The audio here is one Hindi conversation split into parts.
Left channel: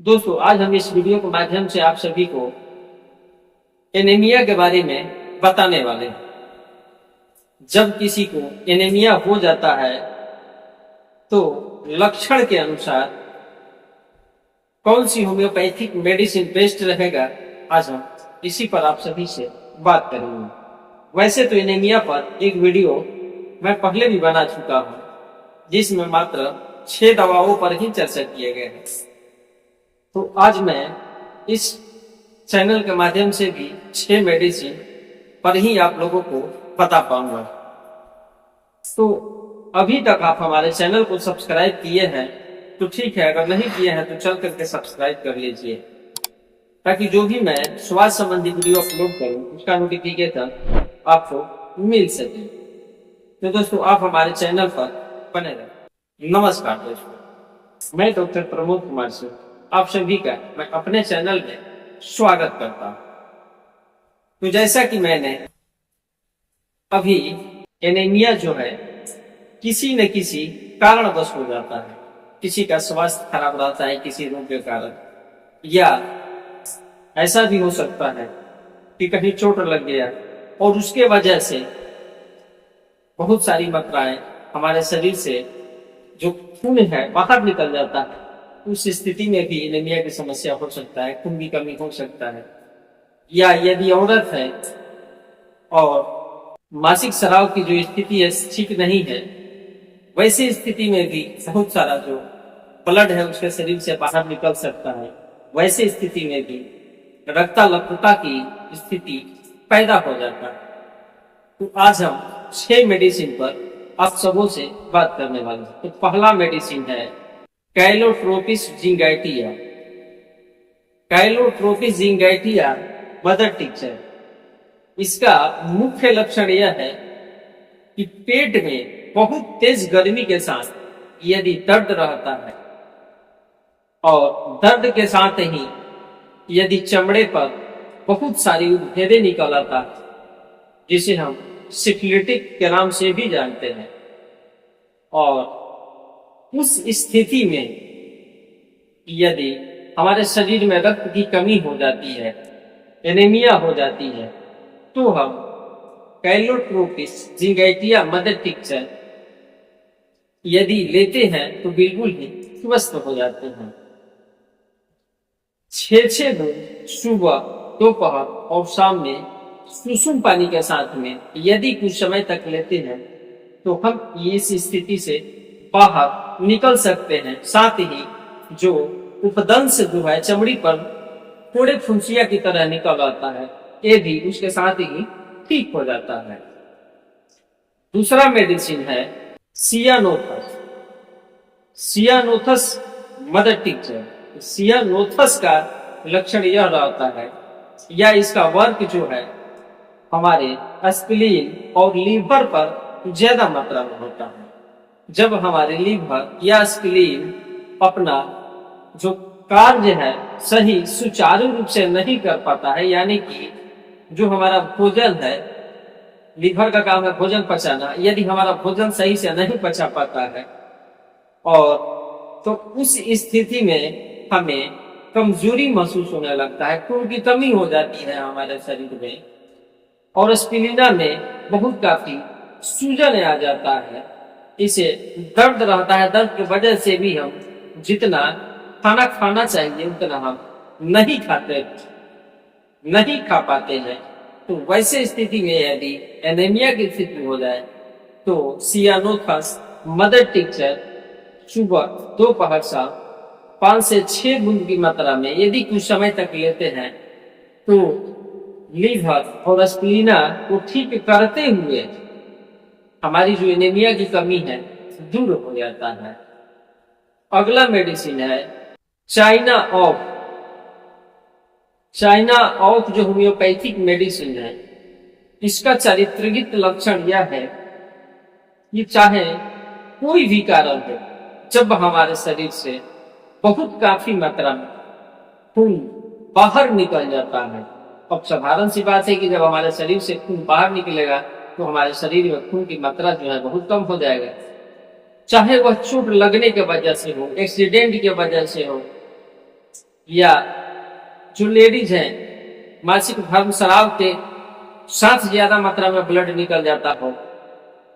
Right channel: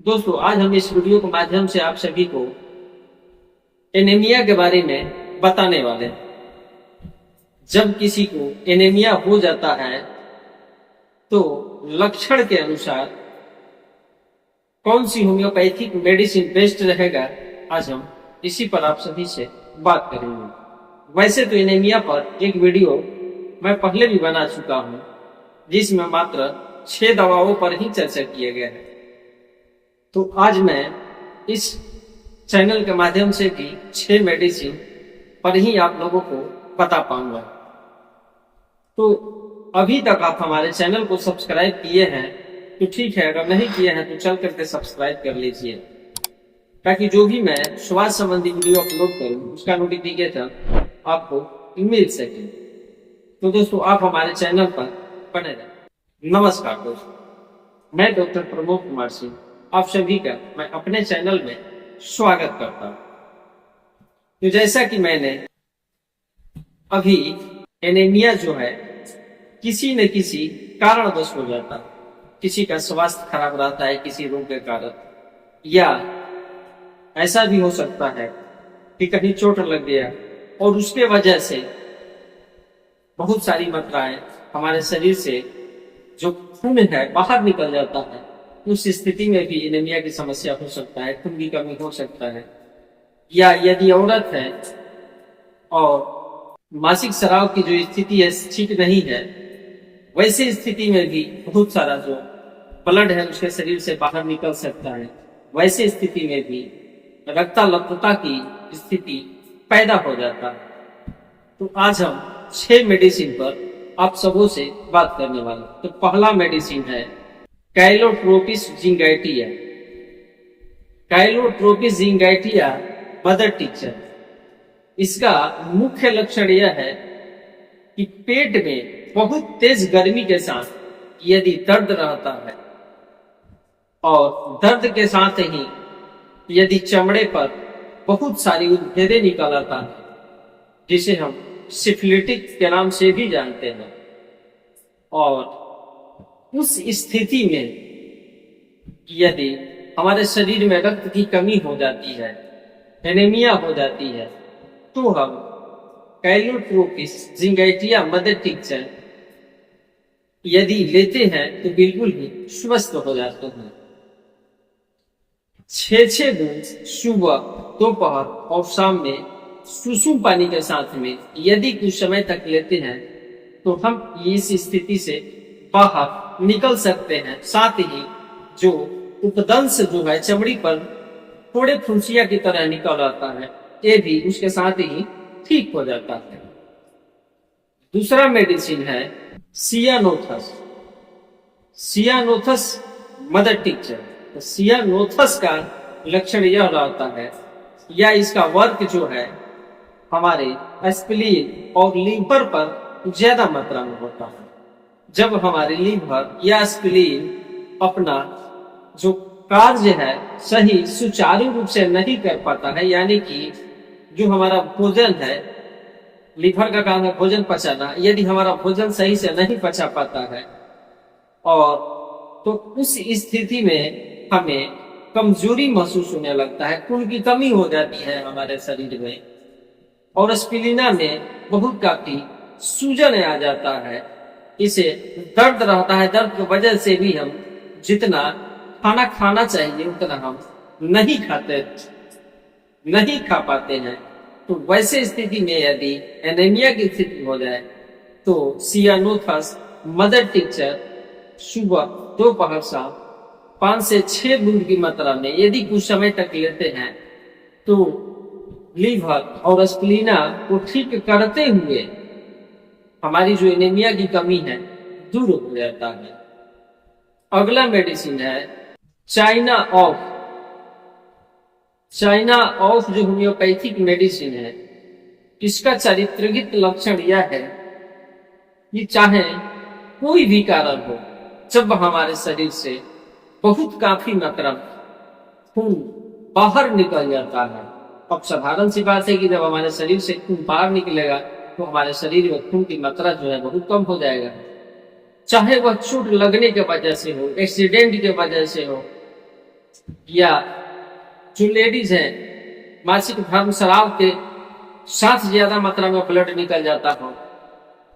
दोस्तों, आज हम इस वीडियो के माध्यम से आप सभी को एनीमिया के बारे में बताने वाले हैं। जब किसी को एनीमिया हो जाता है तो लक्षण के अनुसार कौन सी होम्योपैथिक मेडिसिन बेस्ट रहेगा, आज हम इसी पर आप सभी से बात करेंगे। वैसे तो एनीमिया पर एक वीडियो मैं पहले भी बना चुका हूं, जिसमें मात्र 6 दवाओं पर ही चर्चा किया गया है। तो आज मैं इस चैनल के माध्यम से भी 6 मेडिसिन पर ही आप लोगों को बता पाऊंगा। तो अभी तक आप हमारे चैनल को सब्सक्राइब किए हैं तो ठीक है, अगर नहीं किए हैं तो चल करके सब्सक्राइब कर लीजिए, ताकि जो भी मैं स्वास्थ्य संबंधी वीडियो अपलोड करूं उसका नोटिफिकेशन आपको मिल सके। तो दोस्तों, आप हमारे चैनल पर बने रहें। नमस्कार दोस्तों, मैं डॉक्टर प्रमोद कुमार सिंह आप सभी का मैं अपने चैनल में स्वागत करता हूं। तो जैसा कि मैंने अभी एनीमिया जो है किसी न किसी कारणवश हो जाता है। किसी का स्वास्थ्य खराब रहता है किसी रोग के कारण, या ऐसा भी हो सकता है कि कहीं चोट लग गया और उसके वजह से बहुत सारी मात्राएं हमारे शरीर से जो खून है बाहर निकल जाता है। उस स्थिति में भी एनीमिया की समस्या हो सकता है, खून की कमी हो सकता है। या यदि औरत है और मासिक स्राव की जो स्थिति है ठीक नहीं है, वैसी स्थिति में भी बहुत सारा जो ब्लड है उसके शरीर से बाहर निकल सकता है। वैसी स्थिति में भी रक्ताल्पता की स्थिति पैदा हो जाता है। तो आज हम 6 मेडिसिन पर आप सबों से बात करने वाले हैं। तो पहला मेडिसिन है कैलोट्रोपिस जिंगैटिया। कैलोट्रोपिस जिंगैटिया मदर टिंचर। इसका मुख्य लक्षण यह है कि पेट में बहुत तेज गर्मी के साथ यदि दर्द रहता है और दर्द के साथ ही यदि चमड़े पर बहुत सारी उद्भेदें निकल आता है, जिसे हम सिफिलिटिक के नाम से भी जानते हैं, और उस स्थिति में यदि हमारे शरीर में रक्त की कमी हो जाती है, एनीमिया हो जाती है, तो हम कैलोट्रोपिस जिंगैटिया मदर टिंचर यदि लेते हैं तो बिल्कुल ही स्वस्थ हो जाते हैं। 6 बूंद सुबह, दोपहर और शाम में सुसुम पानी के साथ में यदि कुछ समय तक लेते हैं तो हम इस स्थिति से बाहर निकल सकते हैं। साथ ही जो उपदंश जो है चमड़ी पर थोड़े फुंसिया की तरह निकल आता है, ये भी उसके साथ ही ठीक हो जाता है। दूसरा मेडिसिन है सियानोथस। सियानोथस मदर टिंचर। तो सियानोथस का लक्षण यह रहता है, या इसका वर्क जो है हमारे स्प्लीन और लीवर पर ज्यादा मात्रा में होता है। जब हमारे लीवर या स्प्लीन अपना जो कार्य है सही सुचारू रूप से नहीं कर पाता है, यानी कि जो हमारा भोजन है, लीवर का काम है भोजन पचाना, यदि हमारा भोजन सही से नहीं पचा पाता है और तो उस स्थिति में हमें कमजोरी महसूस होने लगता है, खून की कमी हो जाती है हमारे शरीर में, और स्प्लीना में बहुत काफी सूजन आ जाता है। इसे दर्द रहता है, दर्द की वजह से भी हम जितना खाना खाना चाहिए उतना हम नहीं खा पाते हैं। तो वैसे स्थिति में यदि एनीमिया की स्थिति हो जाए तो सियानोथस मदर टिंचर सुबह, दोपहर, शाम 5 से 6 बूंद की मात्रा में यदि कुछ समय तक लेते हैं तो लीवर और स्प्लीना को ठीक करते हुए हमारी जो एनीमिया की कमी है दूर हो जाता है। अगला मेडिसिन है चाइना ऑफ। चाइना ऑफ जो होम्योपैथिक मेडिसिन है, इसका चारित्रिक लक्षण यह है कि चाहे कोई भी कारण हो, जब हमारे शरीर से बहुत काफी मात्रा में खून बाहर निकल जाता है, अब साधारण सी बात है कि जब हमारे शरीर से खून बाहर निकलेगा तो हमारे शरीर में खून की मात्रा जो है बहुत कम हो जाएगा। चाहे वह चोट लगने के वजह से हो, एक्सीडेंट के वजह से हो, या जो लेडीज हैं मासिक धर्म स्राव के साथ ज्यादा मात्रा में ब्लड निकल जाता हो,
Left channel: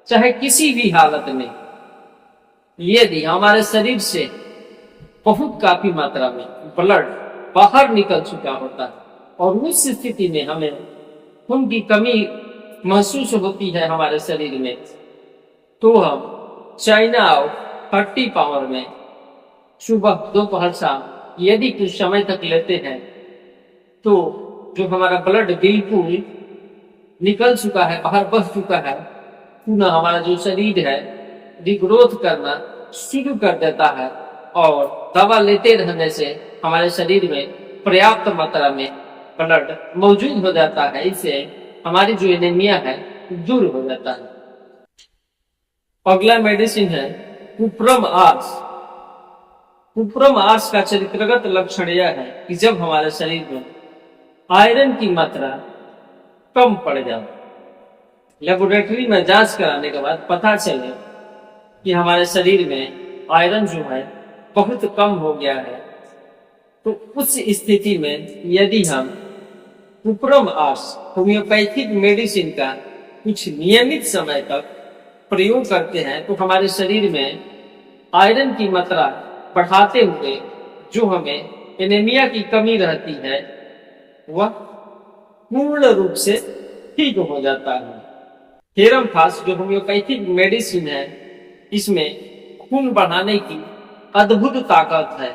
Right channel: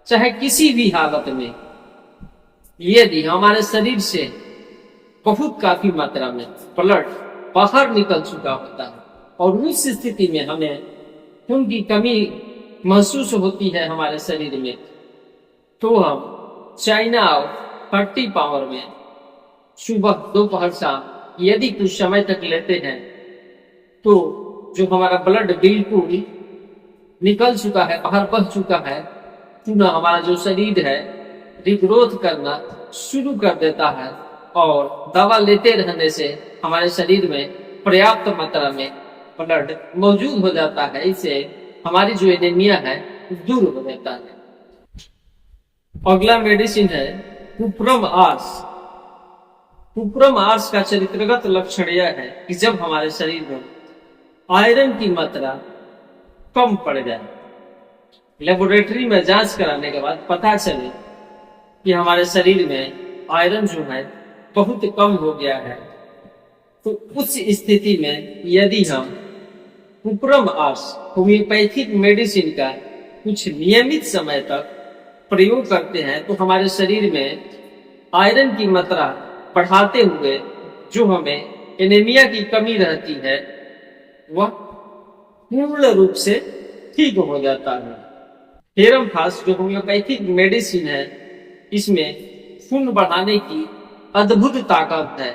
चाहे किसी भी हालत में यदि हमारे शरीर से बहुत काफी मात्रा में ब्लड बाहर निकल चुका होता है और उस स्थिति में हमें खून की कमी महसूस होती है हमारे शरीर में, तो हम चाइना ऑफ 30 पावर में सुबह दोपहर शाम यदि कुछ समय तक लेते हैं तो जो हमारा ब्लड बिल्कुल निकल चुका है, बाहर बह चुका है, पुनः हमारा जो शरीर है रिग्रोथ करना शुरू कर देता है और दवा लेते रहने से हमारे शरीर में पर्याप्त मात्रा में ब्लड मौजूद हो जाता है। इससे हमारी जो एनीमिया है दूर हो जाता है। अगला मेडिसिन है कुप्रम आर्स। कुप्रम आर्स का चरित्रगत लक्षण यह है कि जब हमारे शरीर में आयरन की मात्रा कम पड़ जाए, लेबोरेटरी में जांच कराने के बाद पता चले कि हमारे शरीर में आयरन जो है बहुत कम हो गया है, तो उस स्थिति में यदि हम कुप्रम आर्स होम्योपैथिक मेडिसिन का कुछ नियमित समय तक प्रयोग करते हैं तो हमारे शरीर में आयरन की मात्रा बढ़ाते हुए जो हमें एनीमिया की कमी रहती है वह पूर्ण रूप से ठीक हो जाता है। थेरम फास जो होम्योपैथिक मेडिसिन है, इसमें खून बढ़ाने की अद्भुत ताकत है।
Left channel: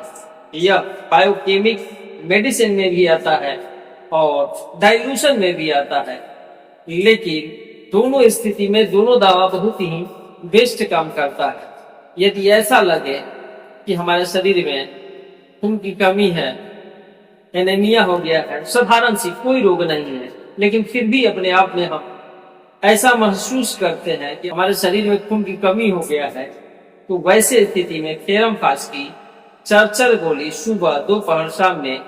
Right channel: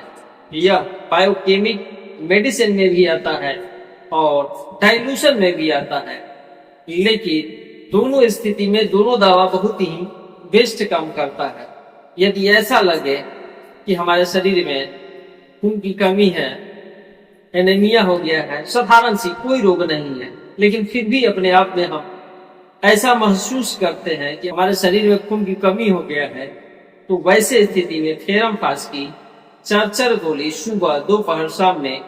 यह बायोकेमिक मेडिसिन में भी आता है और डाइल्यूशन में भी आता है, लेकिन दोनों स्थिति में दोनों दवा बहुत ही बेस्ट काम करता है। यदि ऐसा लगे कि हमारे शरीर में खून की कमी है, एनीमिया हो गया है, साधारण सी कोई रोग नहीं है, लेकिन फिर भी अपने आप में हम ऐसा महसूस करते हैं कि हमारे शरीर में खून की कमी हो गया है, तो वैसे स्थिति में थेरम फास की 4 गोली सुबह दोपहर शाम में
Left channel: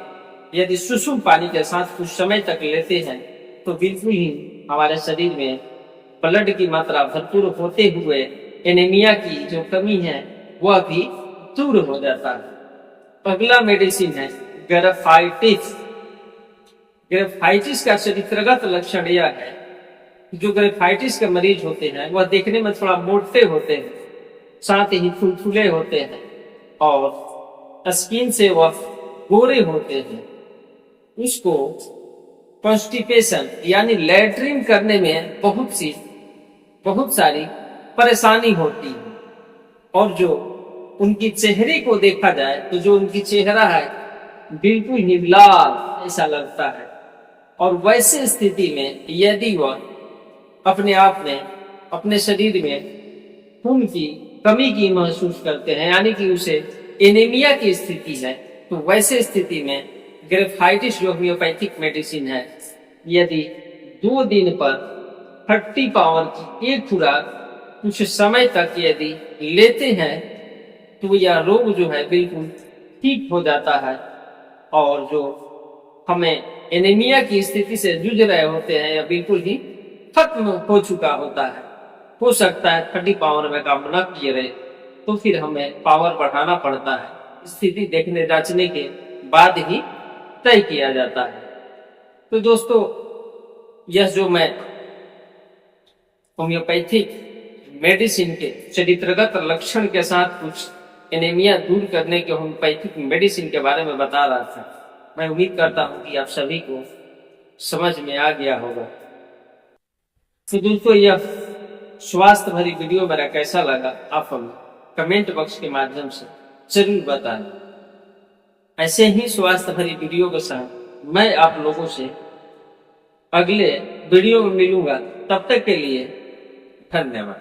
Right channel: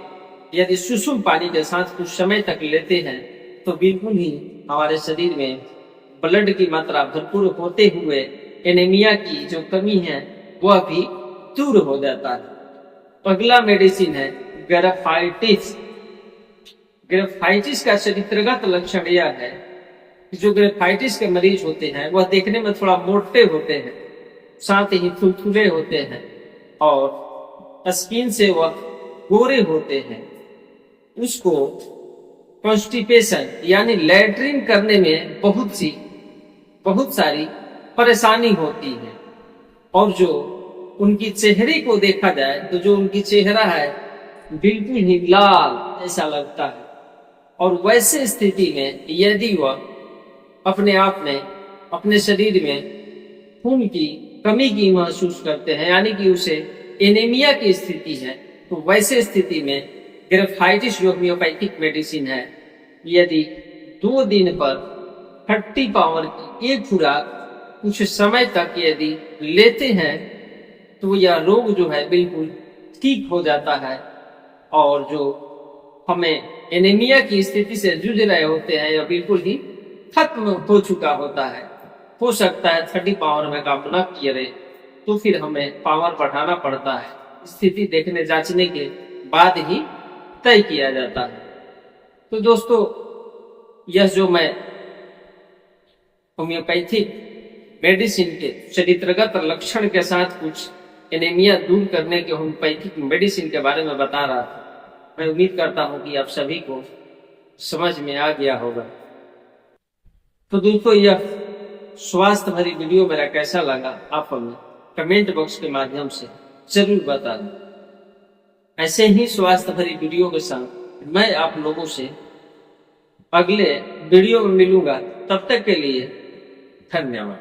यदि सुसुम पानी के साथ कुछ समय तक लेते हैं तो बिल्कुल ही हमारे शरीर में ब्लड की मात्रा भरपूर होते हुए एनीमिया की जो कमी है वह भी दूर हो जाता है। अगला मेडिसिन है ग्रेफाइटिस। ग्रेफाइटिस का चरित्रगत लक्षण यह है कि जो ग्रेफाइटिस के मरीज होते हैं वह देखने में थोड़ा मोटे होते हैं, साथ ही थुलथुले होते हैं और स्किन से वह गोरे होते हैं। उसको कॉन्स्टिपेशन यानी लैट्रिन करने में बहुत सारी परेशानी होती है और जो उनकी चेहरे को देखा जाए तो जो उनकी चेहरा है बिल्कुल ही लाल ऐसा लगता है और वैसे स्थिति में यदि वह अपने आप में अपने शरीर में खून की कमी की महसूस करते हैं यानी कि उसे एनीमिया की स्थिति है, तो वैसे स्थिति में ग्रेफाइटिस जो होम्योपैथिक मेडिसिन है यदि 2 दिन पर 30 पावर की एक खुराक कुछ समय तक यदि लेते हैं तो यह रोग जो है बिल्कुल ठीक हो जाता है और जो हमें एनीमिया की स्थिति से जूझ रहे होते हैं यह बिल्कुल ही खत्म हो चुका होता है। हो सकता है 30 पावर में काम न किए रहे तो फिर हमें पावर बढ़ाना पड़ता है, स्थिति देखने जांचने के बाद ही तय किया जाता है। तो दोस्तों, यह जो मैं होम्योपैथिक मेडिसिन के चरित्रगत लक्षण के साथ कुछ एनीमिया दूर करने के होम्योपैथिक मेडिसिन के बारे में बता रहा था, मैं उम्मीद करता हूं कि आप सभी को समझ में आ गया होगा। तो दोस्तों, यह स्वास्थ्य भरी वीडियो मेरा कैसा लगा आप हमें कमेंट बॉक्स के माध्यम से जरूर बताएं। ऐसे ही स्वास्थ्य भरी वीडियो के साथ मैं आप लोगों से अगले वीडियो में मिलूंगा। तब तक के लिए धन्यवाद।